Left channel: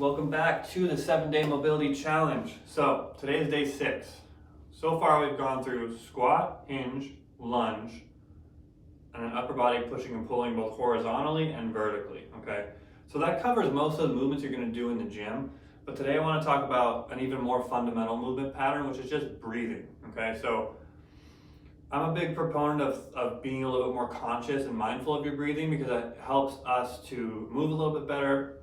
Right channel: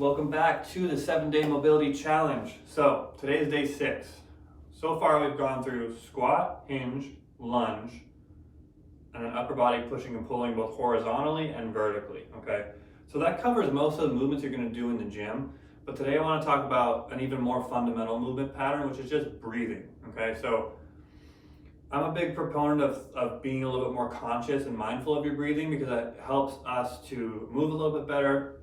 welcome back to the 7-day mobility challenge. So today is day 6. So far we've gone through squat, hinge, lunge, and then upper body pushing and pulling both horizontally and vertically, okay? So that covers most of the movements you're gonna do in the gym, but today I wanna talk about an even more fundamental movement pattern, which is just breathing, okay? So I'm a big proponent of being a little bit more conscious and mindful of your breathing because it helps us to move a little bit better,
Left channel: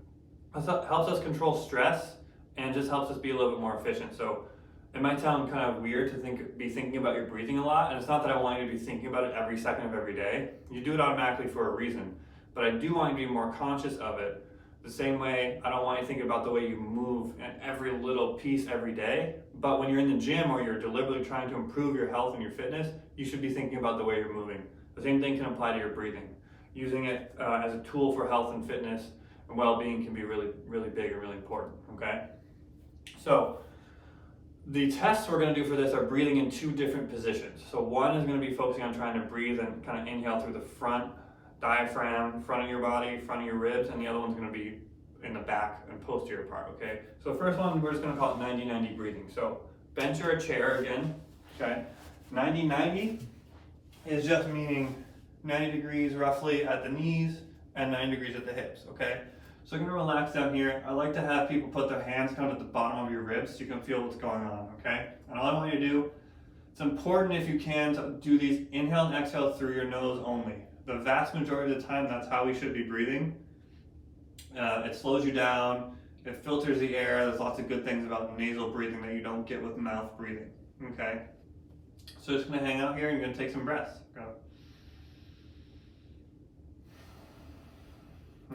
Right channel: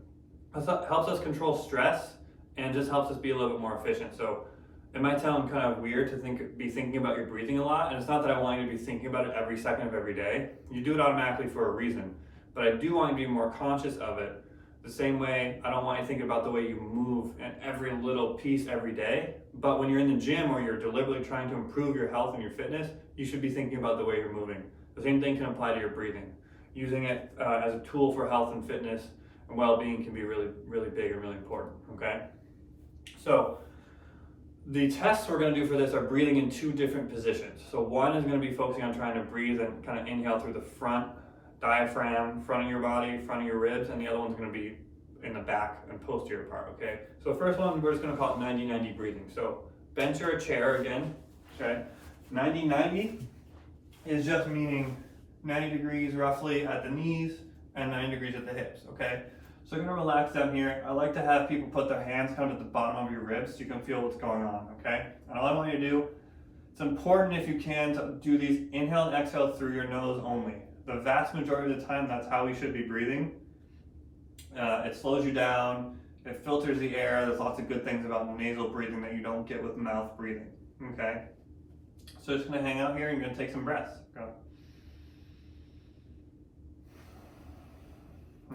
helps us control stress, and just helps us be a little bit more efficient. So it might sound kind of weird to be thinking about your breathing a lot, and it's not that I want you to be thinking about it every second of every day. You do it automatically for a reason, but I do want you to be more conscious of it. The same way I don't want you to think about the way you move in every little piece every day, but when you're in the gym or you're deliberately trying to improve your health and your fitness, you should be thinking about the way you're moving. The same thing can apply to your breathing. Using it as a tool for health and fitness and well-being can be really, really big and really important, okay? So the tests we're gonna do for this are breathing in 2 different positions. So one is gonna be focusing on trying to breathe and kind of inhale through the front diaphragm, front of your body, front of your ribs, and the other one's gonna be in the back and posterior part, okay? So the first one, we're just gonna call it 90-90 breathing. So bench or a chair again, okay? 90-90 is just meaning 90 degrees roughly at the knees and 90 degrees at the hips, okay? So I'm gonna relax down here. I like to have people put their hands kind of at the bottom of your ribs so you can feel what's going on, okay? And all I want you to do, it's important if you can to do these inhale and exhale through your nose only. The vast majority of the time, that's how we should be breathing. It slows you down, it filters the air. There's lots of good things about nasal breathing that you don't get with mouth breathing, okay? So just gonna hang out here and you're gonna take some breaths. Go.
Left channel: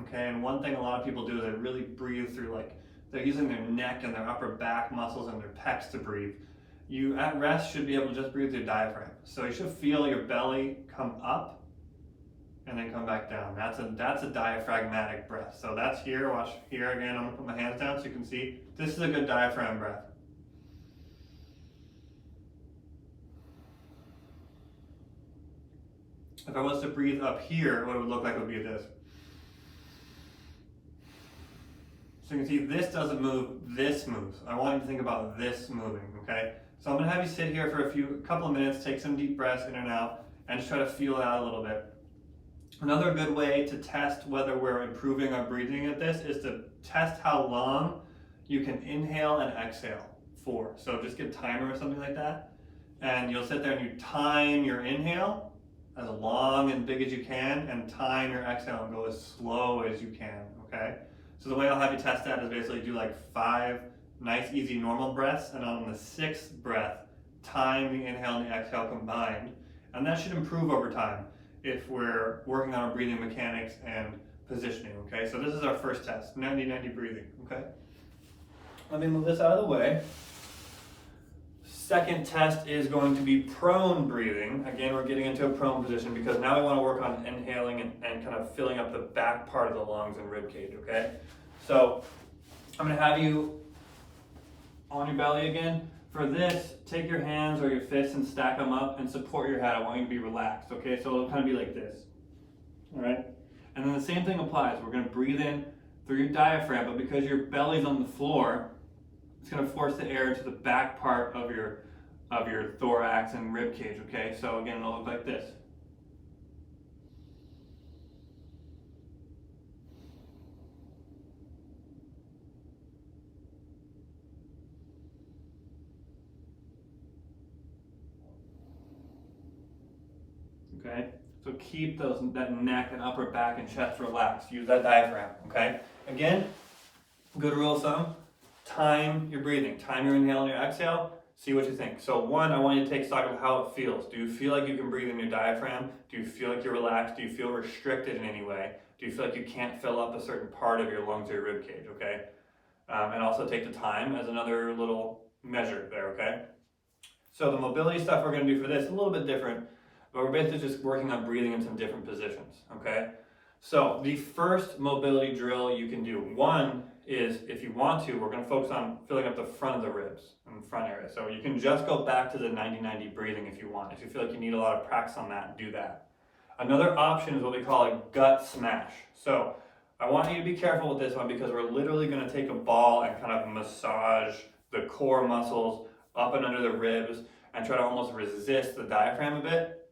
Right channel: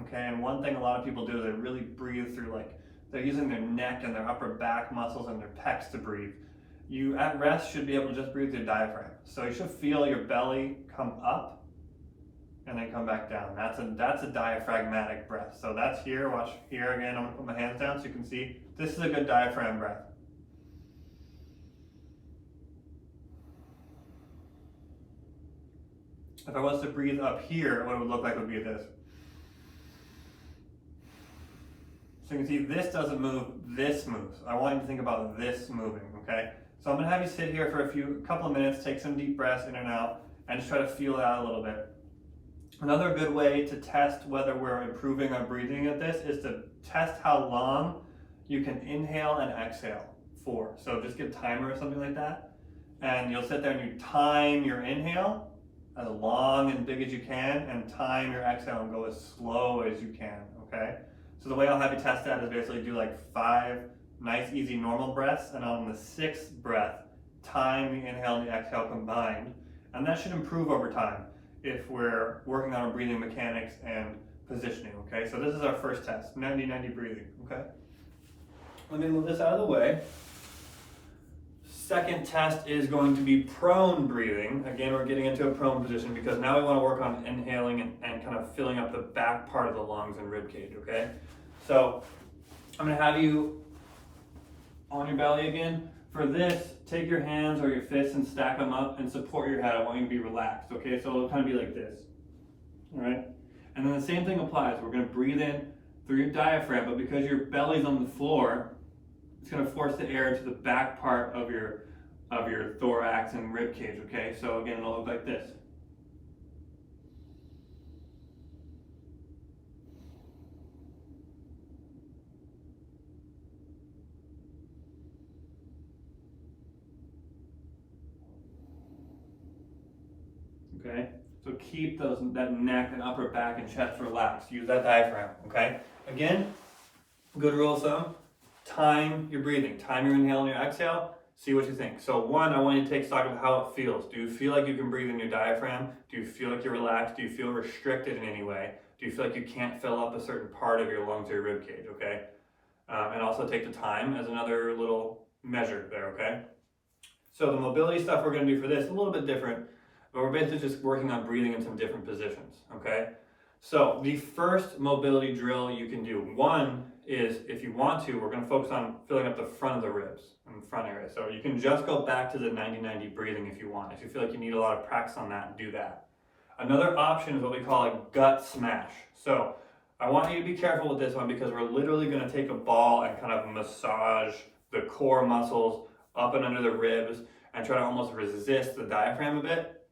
Okay, and one thing a lot of people do is they really breathe through, like, they're using their neck and their upper back muscles and their pecs to breathe. You, at rest, should be able to just breathe through your diaphragm. So you should feel your belly come up and then come back down. That's a diaphragmatic breath. So that's here, watch here again, I'm gonna put my hands down so you can see. This is a good diaphragm breath. If I was to breathe up here, what it would look like would be this. So you can see this doesn't move, this moves. I want you to think about this moving, okay? So I'm gonna have you sit here for a couple of minutes, take some deep breaths in and out, and just try to feel it out a little bit. Another good way to test whether we're improving our breathing at this is to test how long you can inhale and exhale for. So just get a timer or something like that, and you'll sit there and you time your inhale as long and big as you can, and time your exhale and go as slow as you can, okay? So the way I'll have you test that is basically do like 5 nice, easy, normal breaths, and on the 6th breath, time the inhale and the exhale combined, and that should improve over time if we're working on our breathing mechanics and positioning, okay? So this is our first test, 90-90 breathing, okay? Let me move this out of the way. Second test is going to be prone breathing. Again, we're getting into a prone position because now we want to work on inhaling and kind of filling up the back part of the lungs and rib cage, okay? So I'm gonna have you on your belly again. For this, take your hands or your fists and stack them up and support your head. I want you to be relaxed, okay? So it'll kind of be like this, all right? And then the same thing applies. We're gonna breathe in through your diaphragm, but because your belly's on the floor, it's gonna force the air into the back part of your thorax and rib cage, okay? So again, it'll look like this. Okay, so keep that neck and upper back and chest relaxed. Use that diaphragm, okay? Again, good rule of thumb, time your breathing. Time your inhale and your exhale. See what you think. So one, I want you to take stock of how it feels. Do you feel like you can breathe in your diaphragm? Do you feel like you're relaxed? Do you feel restricted in any way? Do you feel like you can't fill up a certain part of your lungs or your rib cage, okay? And also take the time as another little measure there, okay? So the mobility stuff we're gonna do for this is a little bit different, but we're basically just working on breathing in some different positions, okay? So the first mobility drill you can do, one is, if you want to, we're gonna focus on filling up the front of the ribs and the front area. So you can just go back to the 90-90 breathing if you want. If you feel like you need a lot of practice on that, do that. Another option is what we call a gut smash. So I want you to be careful with this one because we're literally going to take a ball and kind of massage the core muscles up and under the ribs and try to almost resist the diaphragm a bit.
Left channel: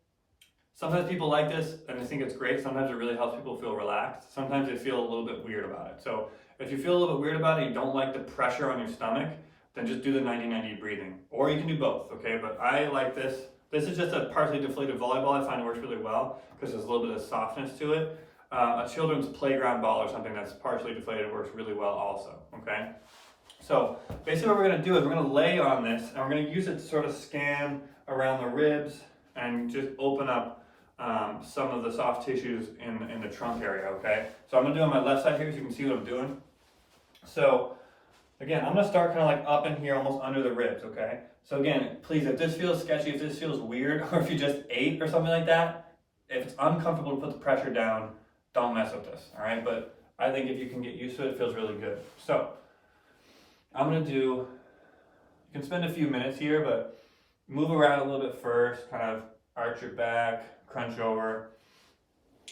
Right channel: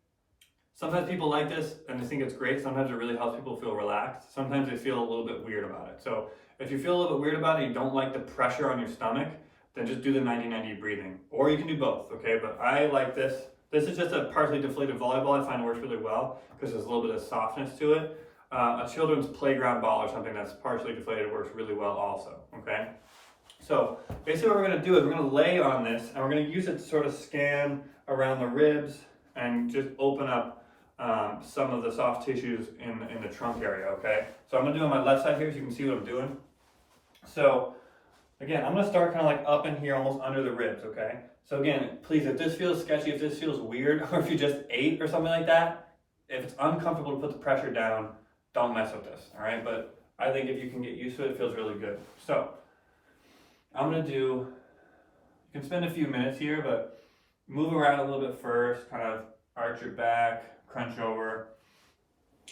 Sometimes people like this and they think it's great. Sometimes it really helps people feel relaxed. Sometimes they feel a little bit weird about it. So if you feel a little bit weird about it and you don't like the pressure on your stomach, then just do the 90-90 breathing. Or you can do both, okay? But I like this. This is just a partially deflated volleyball. I find it works really well because there's a little bit of softness to it. A children's playground ball or something that's partially deflated works really well also, okay? So basically what we're gonna do is we're gonna lay on this and we're gonna use it to sort of scan around the ribs and just open up some of the soft tissues in the trunk area, okay? So I'm gonna do on my left side here so you can see what I'm doing. So again, I'm gonna start kind of like up in here, almost under the ribs, okay? So again, please, if this feels sketchy, if this feels weird, or if you just ate or something like that, if it's uncomfortable to put the pressure down, don't mess with this, all right? But I think if you can get used to it, it feels really good. So I'm gonna do, you can spend a few minutes here, but move around a little bit first, kind of arch your back, crunch over.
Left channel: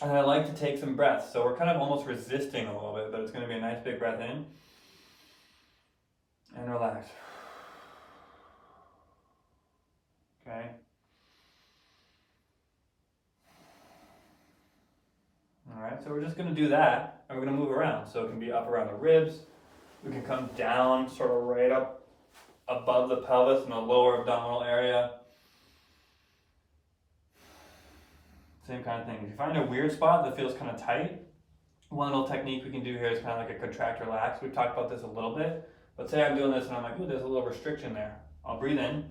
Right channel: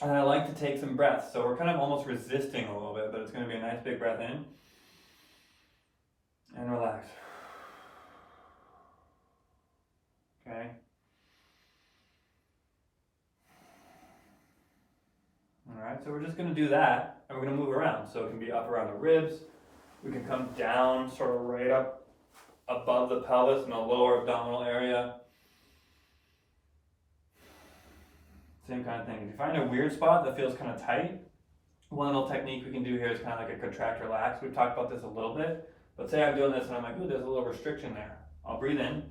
And I like to take some breaths. So we're kind of almost resisting a little bit, but it's going to be a nice big breath in. And relax. Okay. All right, so we're just going to do that, and we're going to move around. So it can be up around the ribs. We can come down sort of right up above the pelvis in the lower abdominal area. Same kind of thing. If you find a weird spot that feels kind of tight, one little technique we can do here is kind of like a contract relax. We've talked about this a little bit, but say I'm doing this and I'm like, ooh, there's a little restriction there. I'll breathe in.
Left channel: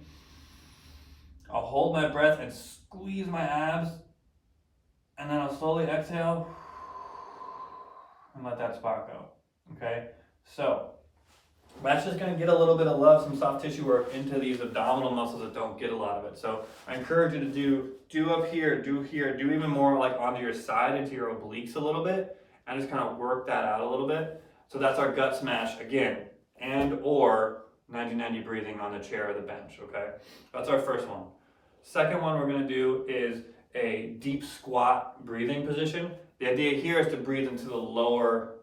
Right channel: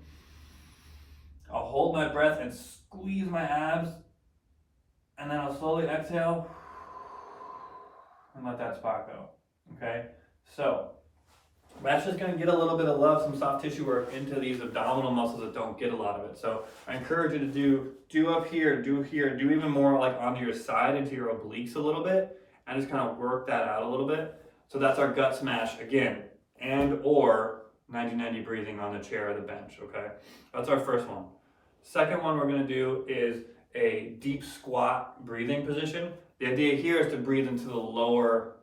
I'll hold my breath and squeeze my abs, and then I'll slowly exhale and let that spot go, okay? So that's just gonna get a little bit of love, some soft tissue work into these abdominal muscles that don't get a lot of it. So I encourage you to do up here, do here, do even more like onto your side, into your obliques a little bit, and just kind of work that out a little bit. So that's our gut smash again, and or 90-90 breathing on the chair or the bench, okay? That's our first one. Second one we're gonna do is a deep squat breathing position. The idea here is to breathe into the lower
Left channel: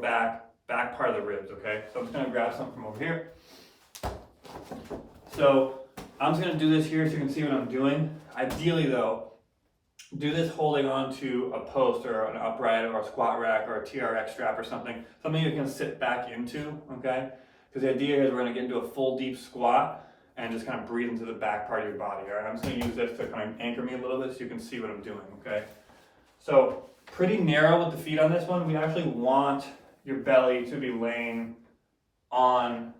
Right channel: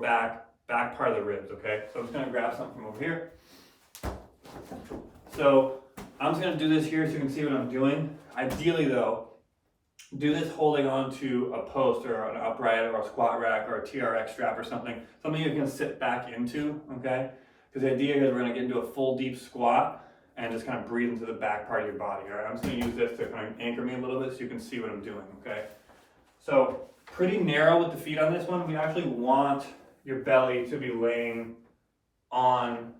back part of the ribs, okay? So I'm just gonna grab something from over here. So I'm just gonna do this here so you can see what I'm doing. Ideally though, do this holding on to a post or an upright or a squat rack or a TRX strap or something you can sit back into, okay? Because the idea here is we're gonna get into a full deep squat and just kind of breathe into the back part of your body, all right? I'm just gonna use this to kind of anchor me a little bit so you can see what I'm doing, okay? So pretty narrow with the feet on this one. We actually want your belly to be laying on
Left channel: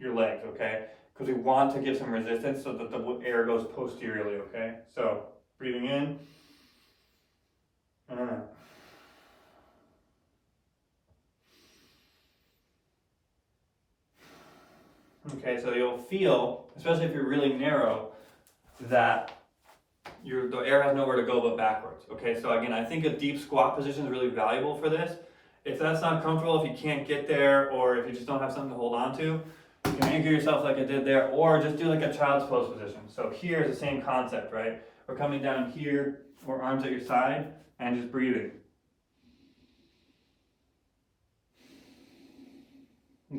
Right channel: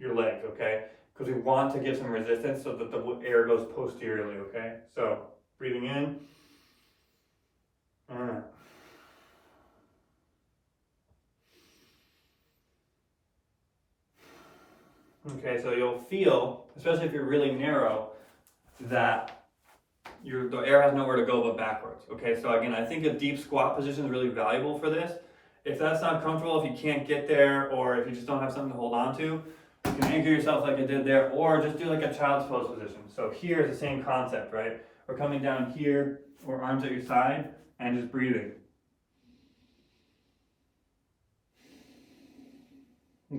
your legs, okay? Because we want to give some resistance so that the air goes posteriorly, okay? So breathing in. Okay, so you'll feel, especially if you're really narrow, that the air has nowhere to go but backwards. Okay, so again, I think a deep squat position is really valuable for this. If that's not comfortable, if you can't get there, or if you just don't have something to hold on to, you can anchor yourself like I did there, or just do like a child's pose position. So here is the same concept, right? We're coming down here, or arms at your side, and just breathing.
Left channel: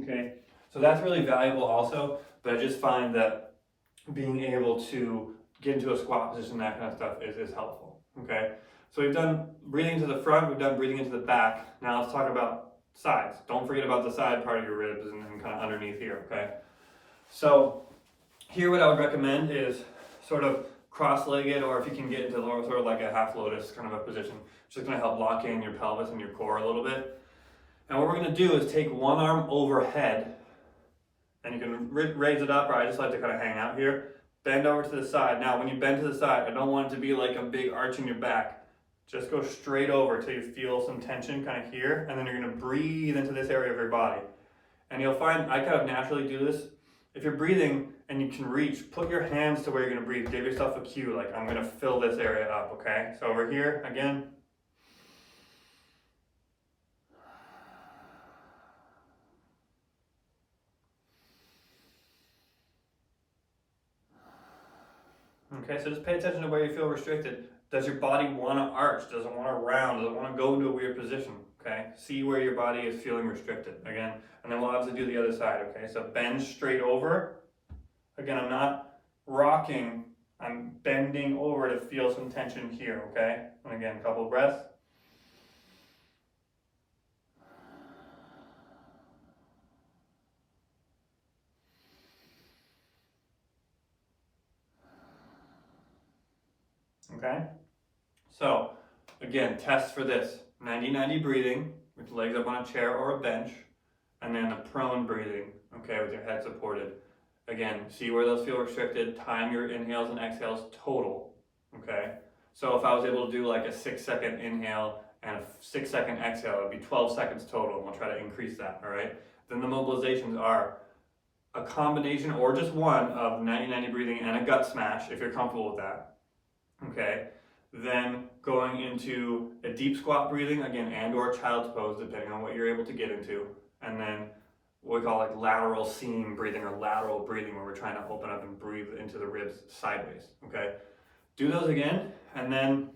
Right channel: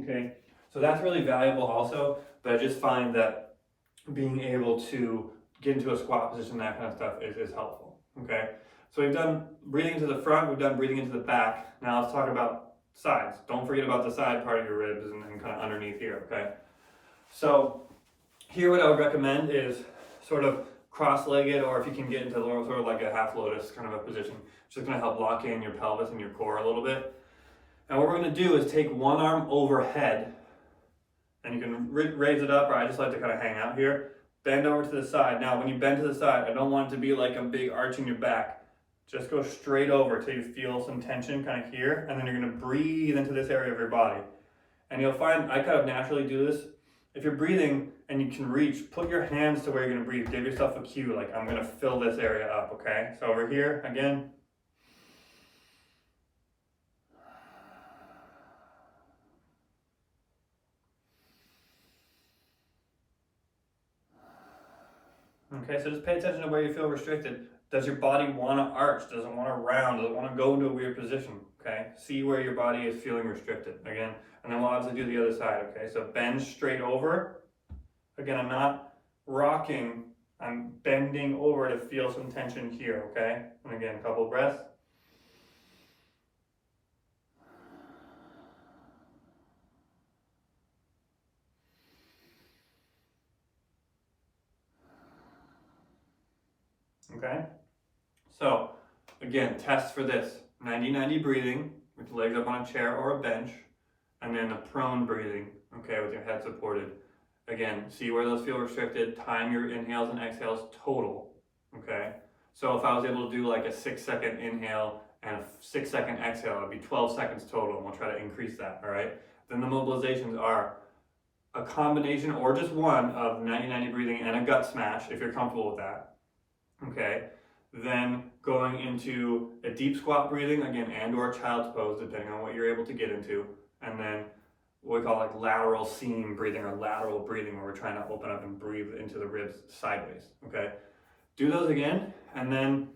Okay, so that's really valuable also, but I just find that being able to get into a squat position, that kind of stuff is helpful, okay? So we've done breathing into the front, we've done breathing into the back. Now let's talk about sides. Don't forget about the side part of your ribs and kind of underneath here, okay? So here what I would recommend is sort of cross-legged, or if you can get into sort of like a half lotus kind of a position, it's just gonna help lock in your pelvis and your core a little bit. And what we're gonna do is take one arm overhead, and you can raise it up, or I just like to kind of hang out here. Bend over to the side. Now when you bend to the side, I don't want it to be like a big arch in your back. Just go straight over until you feel some tension kind of here, and then you're gonna breathe into this area of your body. And you'll find, I kind of naturally do this. If you're breathing and you can reach, put your hands to where you're gonna breathe. Give yourself a cue, like I'm gonna fill this area up, okay? So over here, again. Okay, so just pay attention to where you feel restricted. Does your body want to arch? Does it want to round? Does it want to go into a weird position? okay? See where your body is feeling restricted, again. And then we'll obviously do the other side, okay? So bend straight over. Again, I'm not rocking, I'm bending over to feel some tension here, okay? And again, a couple of breaths. Okay? So, again, test for this. 90-90 breathing, with legs up on a chair or a bench, and then the prone breathing, okay, with your head supported. Again, see where those feel restricted, time your inhales and exhales total, okay? So if I was able to do like a 6-second inhale and a 6-second exhale, it'd be 12 seconds total, and we'll try to increase that, all right? Then the mobilizations are a combination or just one of 90-90 breathing and a gut smash, if you're comfortable with that, okay? Then going into a deep squat breathing, again, and or child's pose, depending on what you're able to get into. And then what we call like lateral seam breathing or lateral breathing, where we're trying to open up and breathe into the ribs sideways, okay? Do those again, and then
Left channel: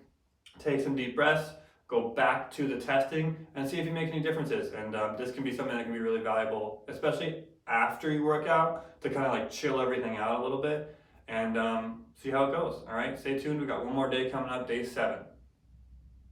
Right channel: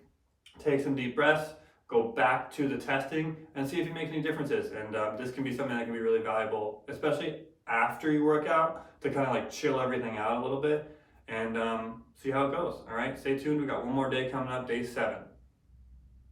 take some deep breaths, go back to the testing, and see if you make any differences. And this can be something that can be really valuable, especially after you work out, to kind of like chill everything out a little bit and see how it goes. All right, stay tuned. We got one more day coming up, day 7.